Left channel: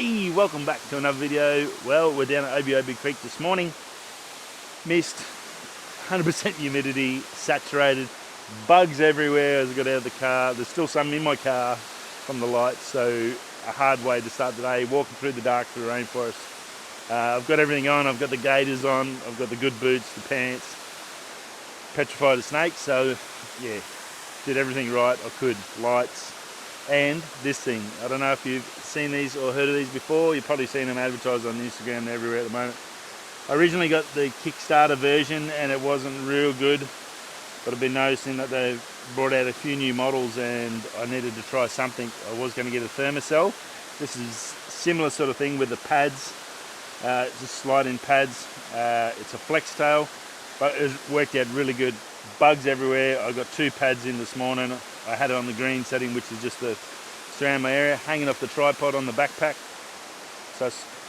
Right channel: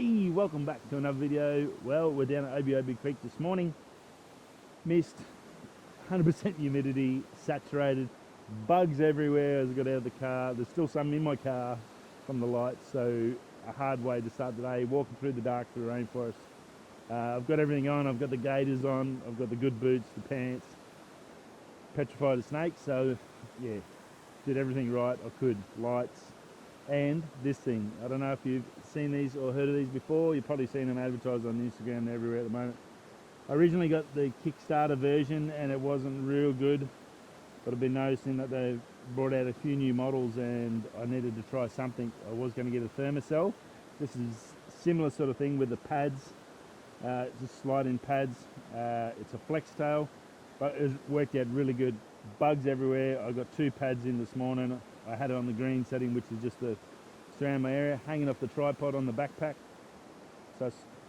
Hey, welcome back to another video. Well, we're down at Obi Creek this morning. Mist, 100% humidity, saturated, bugs everywhere as I got out of the car. There's still some in my car from the lights, so a hard way to start the day, walking through the dark through the rainforest. I've got everything on. I've got the gaiters on, I've got the good boots, the pants, petrified a snake, so yeah, did everything right I could. Lights. And this thing, I don't know if you've seen these or heard of these before. You've probably seen them advertised on Instagram and everywhere at the moment. I originally got the Kickstarter version and it wasn't real good, but I've been noticing that they've brought out a few new models and I needed to try something. I was going to get a thermacell. This is similar sort of thing with the pads, just slide-in pads. It's a flex tail, but it worked out really good. Bugs everywhere. I got 2 pads in this morning. I had it on the green setting, which is just to surround my area, hanging off the tripod on the backpack,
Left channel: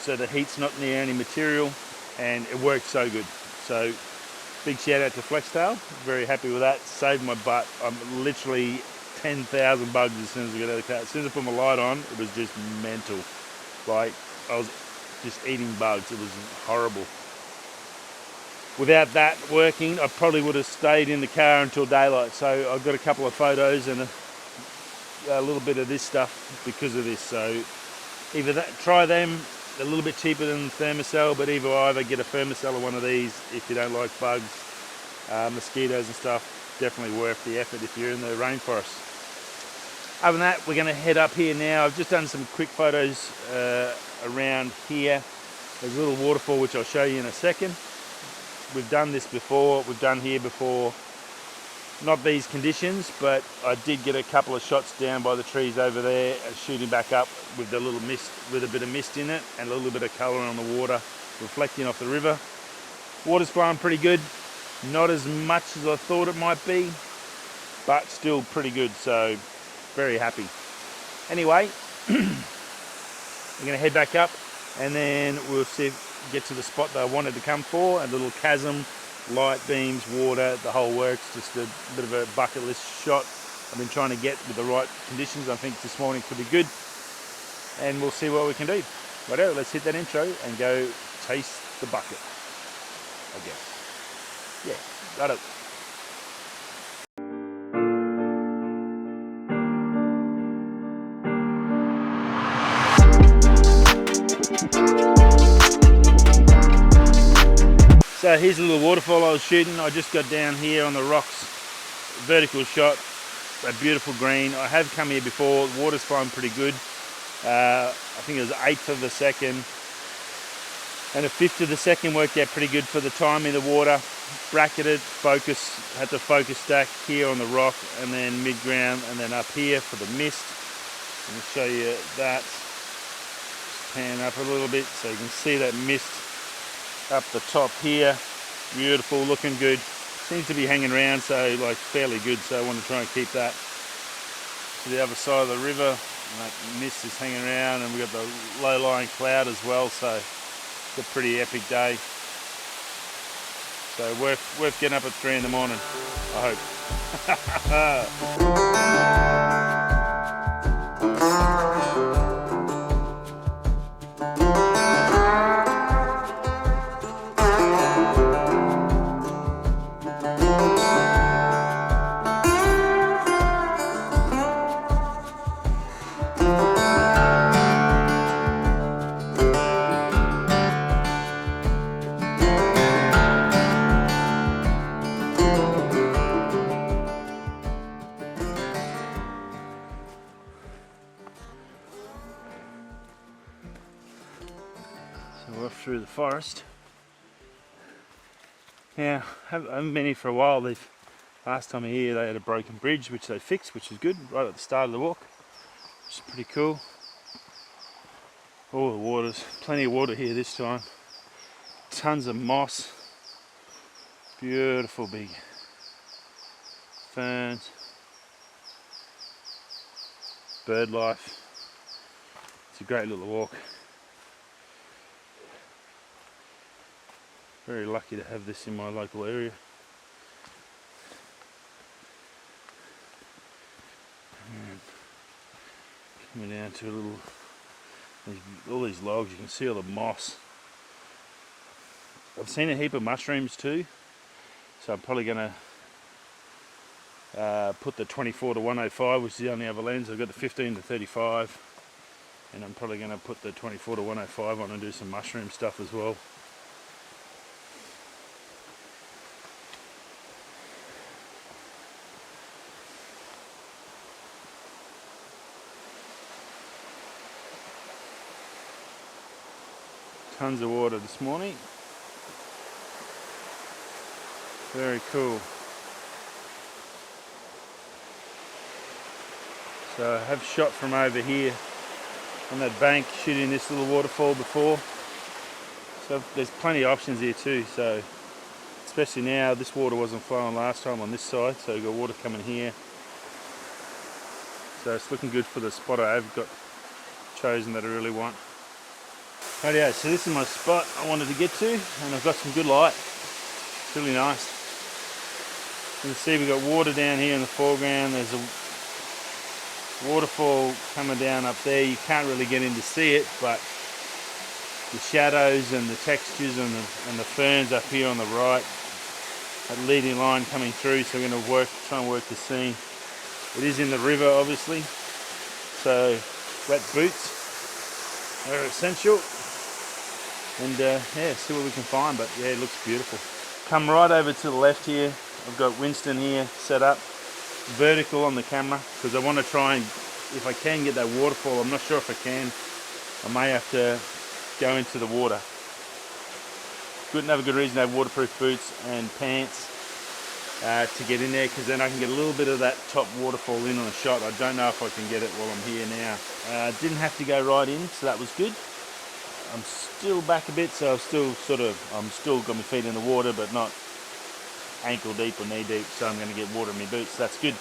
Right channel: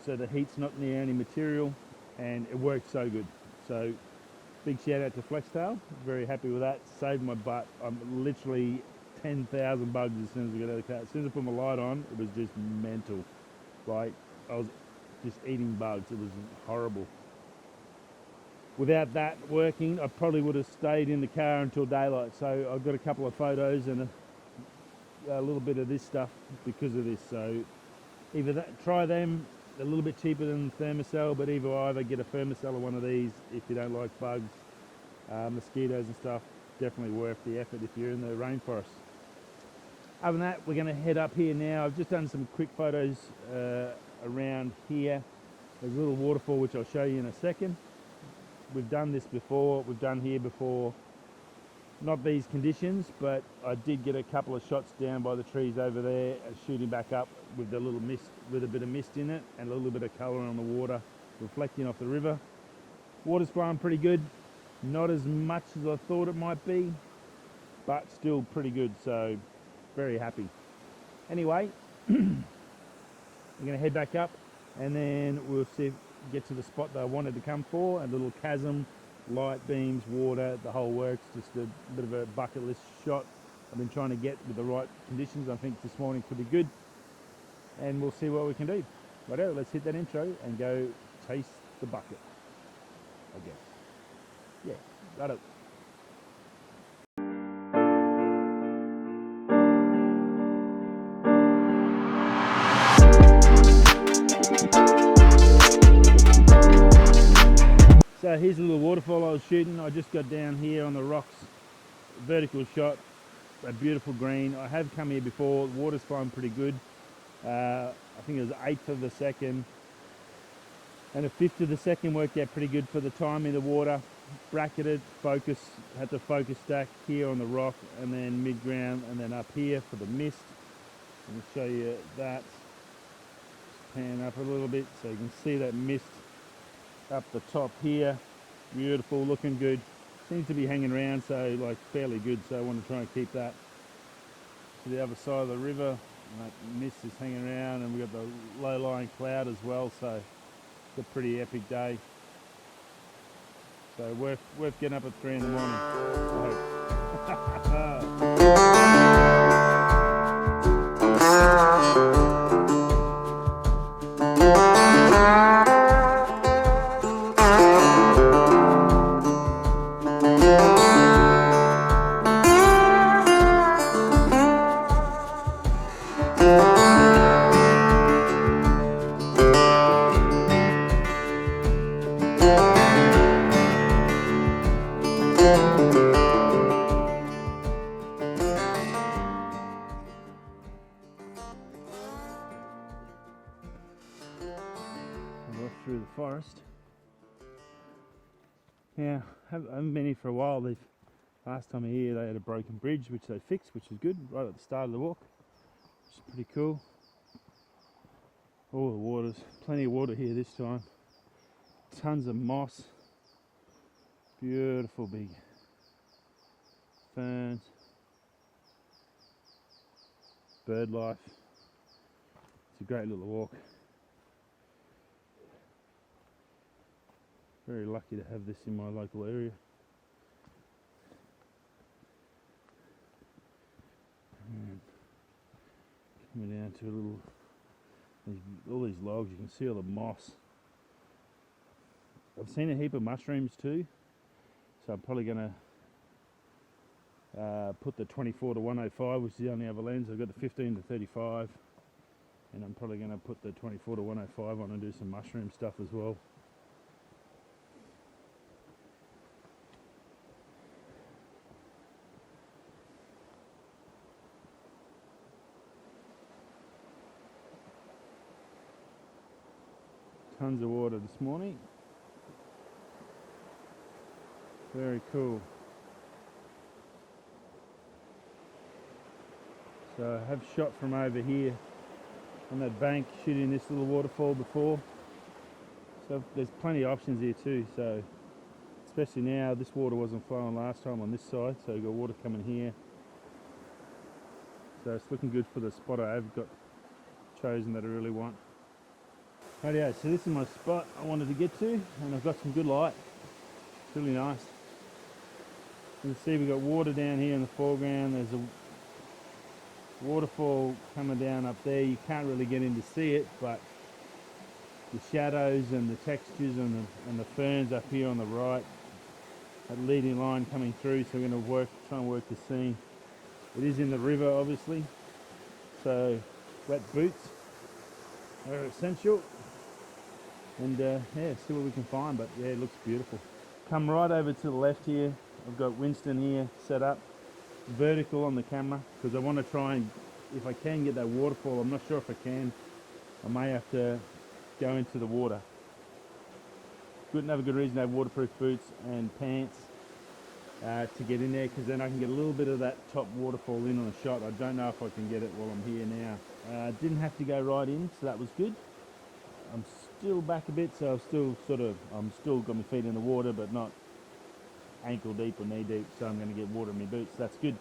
so the heat's not near any material, and it worked so good. So big shout out to Flextail, very happy with that. Saved my butt. I'm literally 10,000 bugs as soon as I got out of the car. As soon as I put my light on, it was just mental. Like, I was just eating bugs. It was horrible. Without that working, I probably would have stayed in the car until daylight. So I've got a couple of photos and a little bit of this stuff because of this. So either that, try them, a little bit cheaper than thermacell, but either get a thermacell or one of these if you don't like bugs, mosquitoes and stuff. Definitely worth the effort if you're in the rainforest. Other than that, we're going to head up here now. I've just done some quick photos around here. There's a little waterfall which I'll show you in a second. We've done this before, we've done here before, not these conditions, but I did get a couple of shots down by the trees over there and shooting back up with the little mist, with a bit of mist in it and a little bit of colour on the water reflecting off the river. Water's flowing pretty good, not as much as I thought it might be, but still pretty good, so very happy. Anyway, we're going to head back up and then we'll get to the spot that I wanted to come for, a little chasm, light beams, water, the whole works, just a bit of a bucket list shot I've been trying to get with the right conditions. I think this morning could be good and we'll see what we can do. Righto, let's hit that intro and go taste the bucket, I guess. Yeah, righto. So here's a little waterfall I was shooting. I just got down here on the rocks, vertical shot, a beautiful green. I have come here before, the water's flowing pretty good. I think it was 1/8 of a second and 1/5 of the second worked out pretty good for the time in the water. Bracketed, focus, had the focus stack here on the rock and then mid-ground and then up here for the mist. Let me show you that. Just pan up a little bit so you can see that mist up the top here. Beautiful, looking good. Seems to be hanging around, so like fairly good, so I want to try and keep that to the other side of the river. And that mist is hanging around and we've got the low-lying cloud as well, so it's a pretty epic day. So worth getting up at 3 in the morning, I hope. So off through the forest. Now, I haven't been here for a while. Last time here they had a broken bridge which they fixed, which is good, right at the start of the walk. Which is pretty cool. All the waters, plenty of water here this time. Tons of moss. Beautiful big ferns. Bird life. It's a great little walk. Very lucky to have this in my local area. Coming down to a all these logs, you can see all the moss. I've seen a heap of mushrooms too, so I'm probably going to put the 24 to 105, which is the only other lens. I've got the 15 to 35, and I'm probably going to put the 24 to 105 on and do some mushroom stuff as well. Tons of water this morning. Very cool. So I have shot from over here on that bank, shooting this little waterfall before. So there's plenty of options here too. So especially now, this water wasn't flowing last time on this side, so we've got water coming here. So it's looking good for the spot I've got chosen that I really want. Rightio, so this is my spot I wanted to get to, and I've got some good light. It's really nice. You can see we've got water down here in the foreground. There's a waterfall coming down up there. You can't really get in to see it, but the shadows and the textures and the ferns up here on the right, that leading line coming through, so we're going to try and work the scene. It is in the river, obviously, so wet boots are essential. And yeah, see what we can find, but yeah, it looks beautiful. Come right over to the left here. I've got Winston here set up vertical on the camera because I want to try and, if I can, get that waterfall. I'm not sure if I can. I may have to go into the water. Another good reason to have waterproof boots and pants to get in there, because then I can get a little bit of that top waterfall in on a shot. I don't know if I can get it while I'm here now. Didn't have to go right in, so that was good. I'm still back a bit, so I'm still got my feet in the water, but not ankle deep or knee deep, so I'm going to get water in my boots. That's good.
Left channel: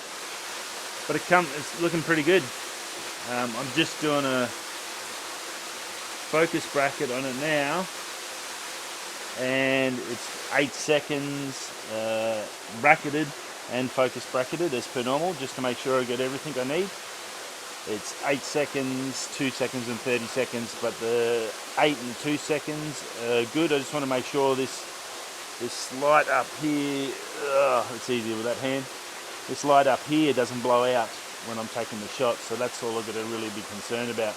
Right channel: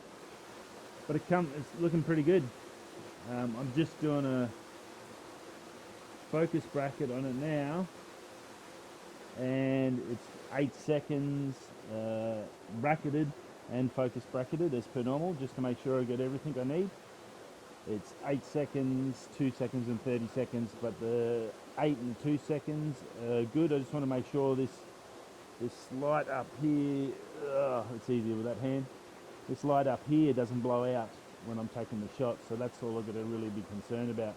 But it's looking pretty good. I'm just doing a focus bracket on it now, and it's 8 seconds bracketed and focus bracketed as per normal, just to make sure I get everything I need. It's 8 seconds, 2 seconds and 30 seconds, but the 8 and 2 seconds are good. I just want to make sure this light up here, it's easier with that hand, this light up here doesn't blow out when I'm taking the shot, so that's all I've got to really be concerned about.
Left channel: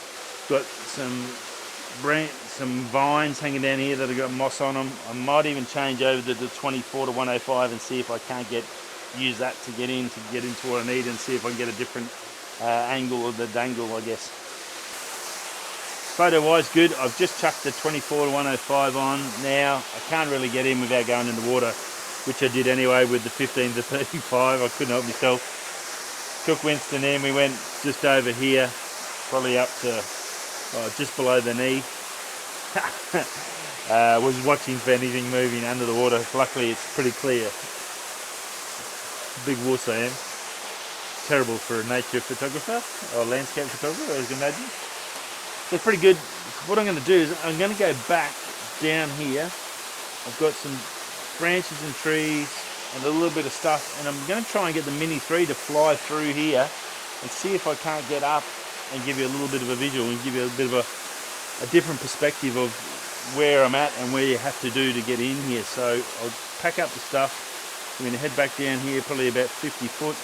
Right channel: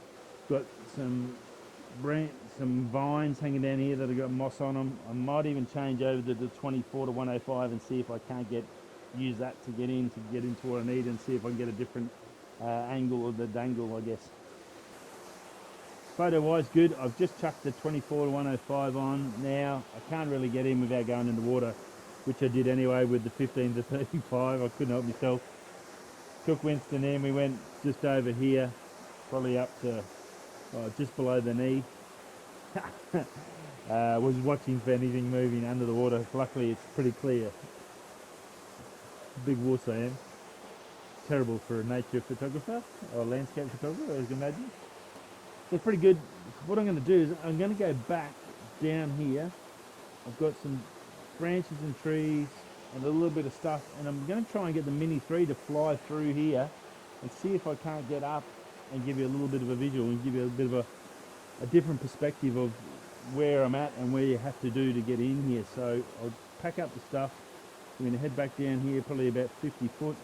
Got some vines hanging down here that have got moss on them. I might even change over to the 24 to 105 and see if I can't use that to get into what I need, and see if I can get a different angle of the dangle, I guess. Photo wise, good. I've just chucked the 24 to 105 on now. I can't really get in without going in the water, which I did anyway with the 15 to 35. I couldn't help myself. Took Winston in, we went just over here, probably up to just below the knee. Was watching for anything moving under the water. Luckily it's pretty clear. Big wuss I am. Terrible for a nature photographer or landscape photographer, as you can imagine. So pretty good. What I'm going to do is I'm going to go back down here. I've got some branches and trees and a little bit of stuff, and I'm going to try and get the Mini 3 to fly through here and see if I can't get up and give you a little bit of a visual and give you a bit of a different perspective of where I'm at and where you have to do to get in here. So I'll pack up the stuff. I'm going to head back down here, probably about 50 foot.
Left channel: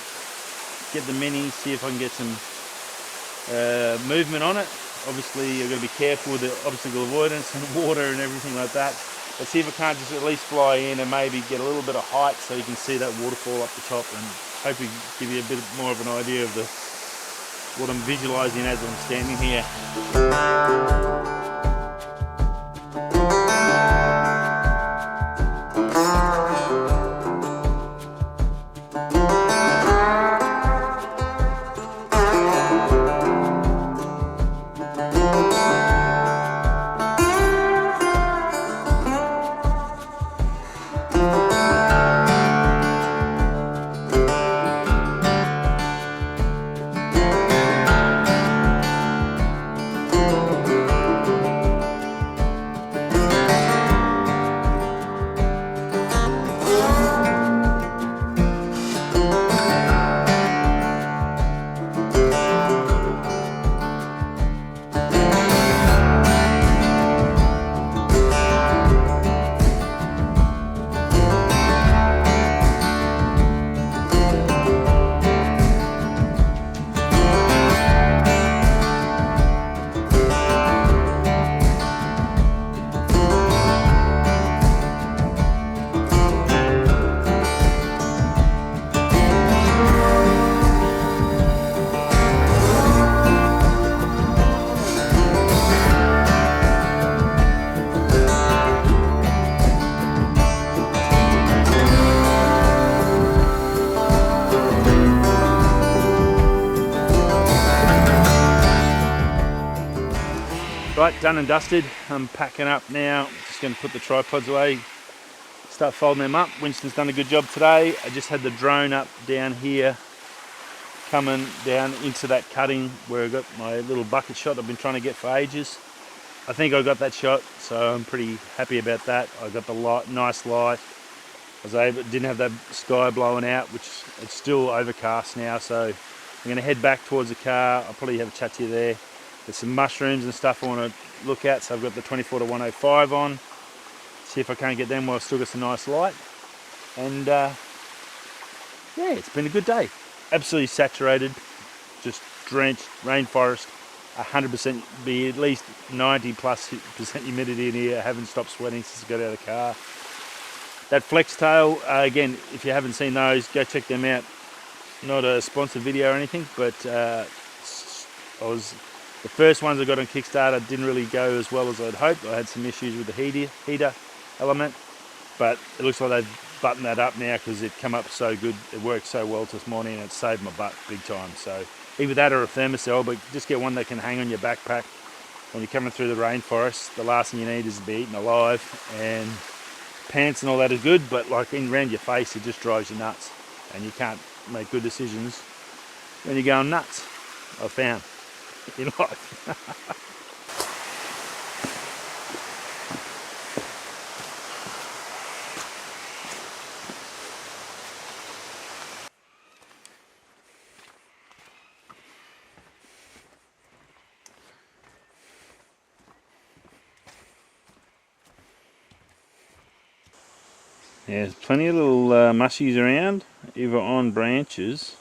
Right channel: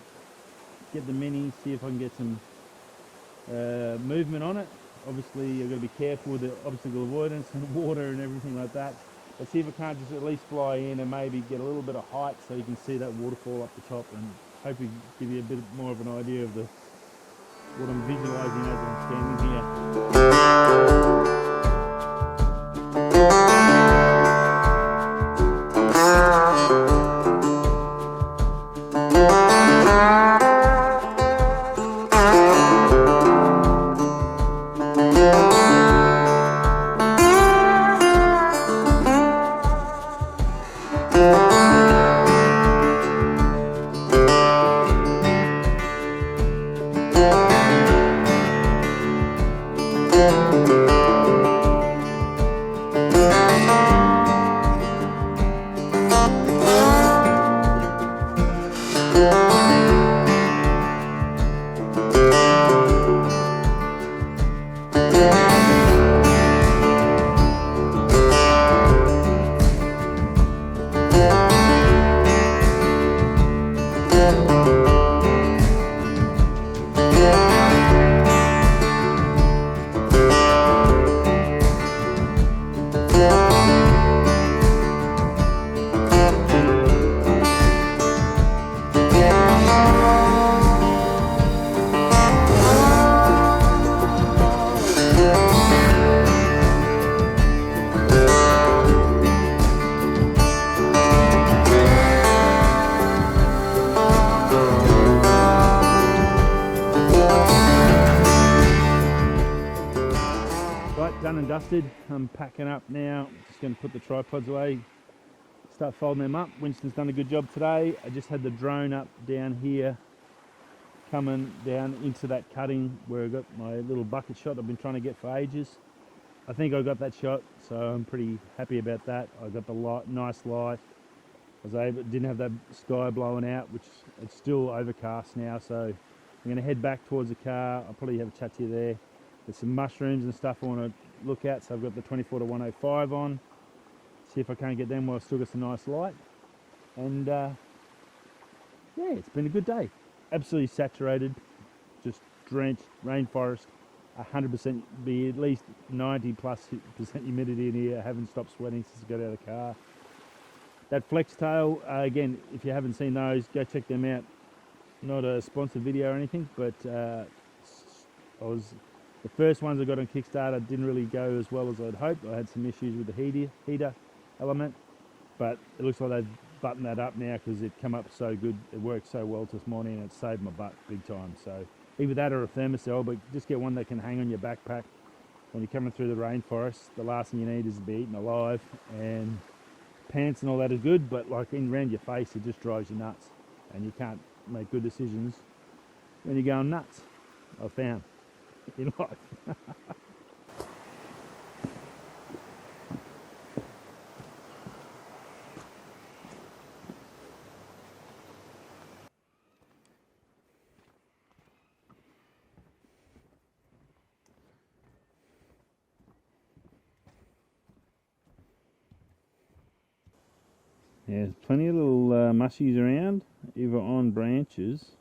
Get the Mini, see if I can get some movement on it. Obviously I've got to be careful with the obstacle avoidance and water and everything like that. But see if I can't just at least fly in and maybe get a little bit of height so you can see that waterfall up the top, and hopefully give you a bit more of an idea of what I'm visualising as I'm standing here. Right, done and dusted. I'm packing up now. Just going to put the tripods away, start folding them up. Winston's done a good job today. I just had the drone up down here, coming down into that cutting where I got my little bucket shot I've been trying to get for ages. I think I got that shot, so I'm pretty happy about that. I got the light, nice light. Didn't have that sky blowing out, which it's still overcast now, so I'm going to head back towards the car. I'll probably have a chat to you there. There's some mushrooms and stuff I want to look at, so I've got the 24 to 105 on. See if I can't get them while I've still got some nice light. And yeah, it's been a good day. Absolutely saturated, just drenched, rainforest, 100%, be at least 90+% humidity in here. I haven't stopped sweating since I got out of the car. That flex tail, again, if you haven't seen those, go check them out. Not a sponsored video or anything, but the first ones I got on Kickstarter didn't really go as well as I'd hoped. I had some issues with the heater element, but it looks like they've buttoned that up now because it come up so good. It worked so well this morning and it saved my butt big time. So either that or a thermacell, but just get one that can hang on your backpack when you're coming through the rainforest. The last thing you need is to be eaten alive, and pants and all that are good, but like around your face it just drives you nuts and you can't make good decisions when you're going nuts, I've found in life. Yeah, there's plenty of little mushies around, either on branches,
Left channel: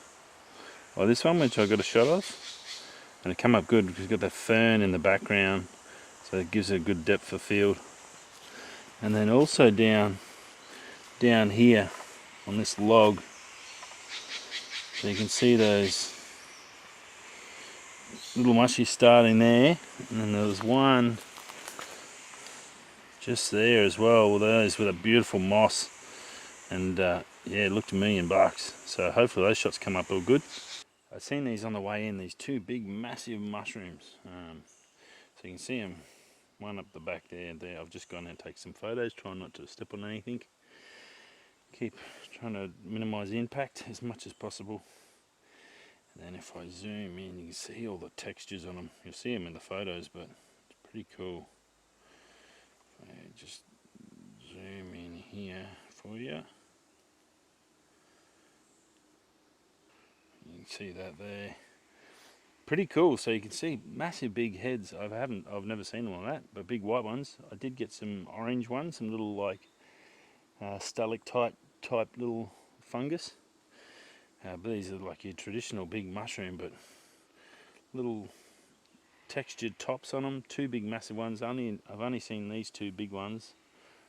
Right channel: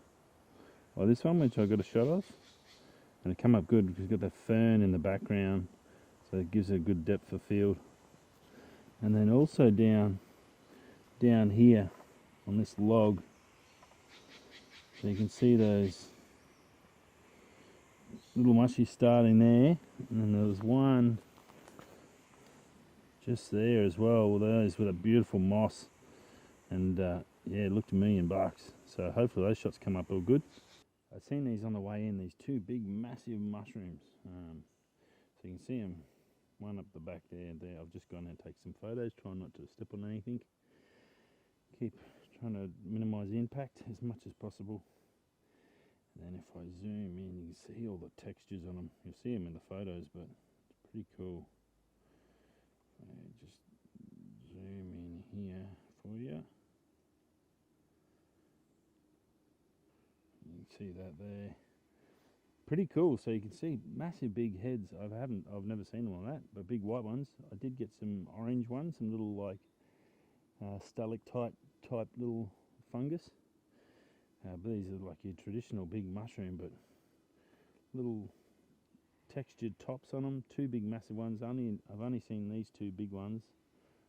or this one which I got a shot of, and it come up good because it's got that fern in the background, so it gives it a good depth of field. And then also down here on this log, so you can see those little mushies starting there, and then there was one just there as well, with those with a beautiful moss, and yeah, it looked $1,000,000. So hopefully those shots come up all good. I've seen these on the way in, these two big massive mushrooms, so you can see them, one up the back there. I've just gone and take some photos, trying not to step on anything, keep trying to minimize the impact as much as possible. And then if I zoom in, you can see all the textures on them. You'll see them in the photos, but it's pretty cool. Just zoom in here for you. You can see that there. Pretty cool. So you can see massive big heads. I've never seen them like that, but big white ones. I did get some orange ones, some little like stalactite type little fungus. But these are like your traditional big mushroom, but little textured tops on them. Two big massive ones. I've only seen these two big ones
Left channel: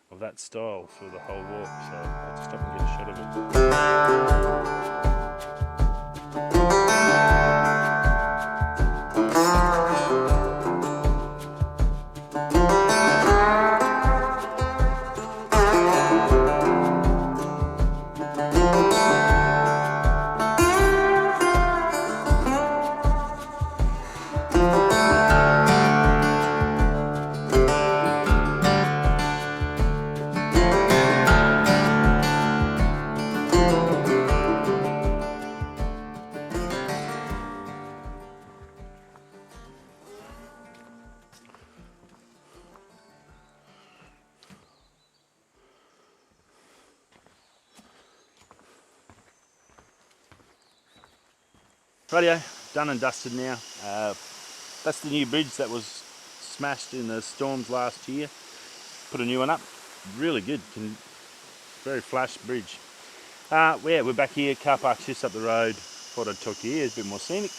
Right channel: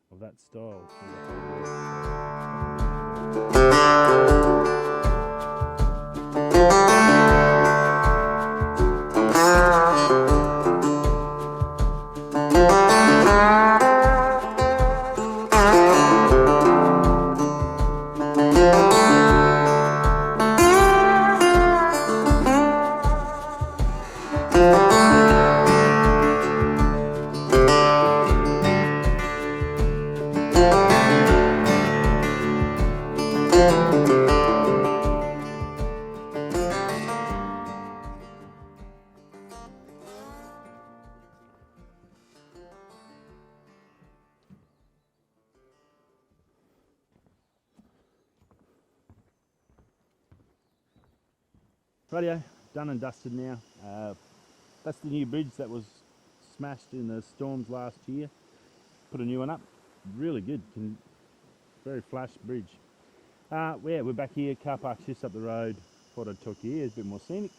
of that style through the whole walk, so I'll just stop and get a shot of them. Rightio, done and dusted now. That's the new bridge that was smashed in the storms last year. Put a new one up. Really good. Very flash bridge. Yeah, we're back here. Car park's just up the road. Thought I'd talk to you. It's a bit more scenic.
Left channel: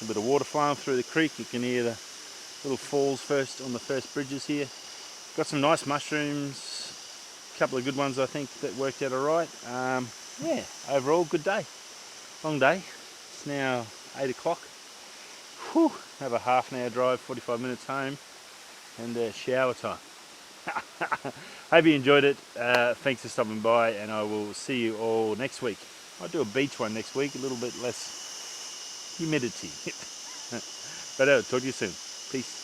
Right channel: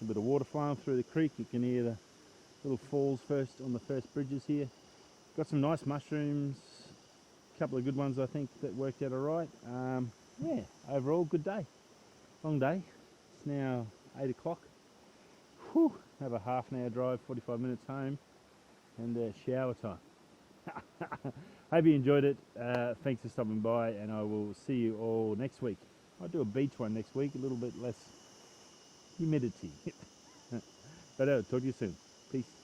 A bit of water flowing through the creek. You can hear the little falls first on the first bridges here. Got some nice mushrooms. A couple of good ones, I think, that worked out all right. Yeah, overall, good day. Long day. It's now 8 o'clock. Whew, have a half an hour drive, 45 minutes home, and shower time. Hope you enjoyed it. Thanks for stopping by, and I will see you all next week. I'll do a beach one next week, a little bit less humidity. But talk to you soon. Peace.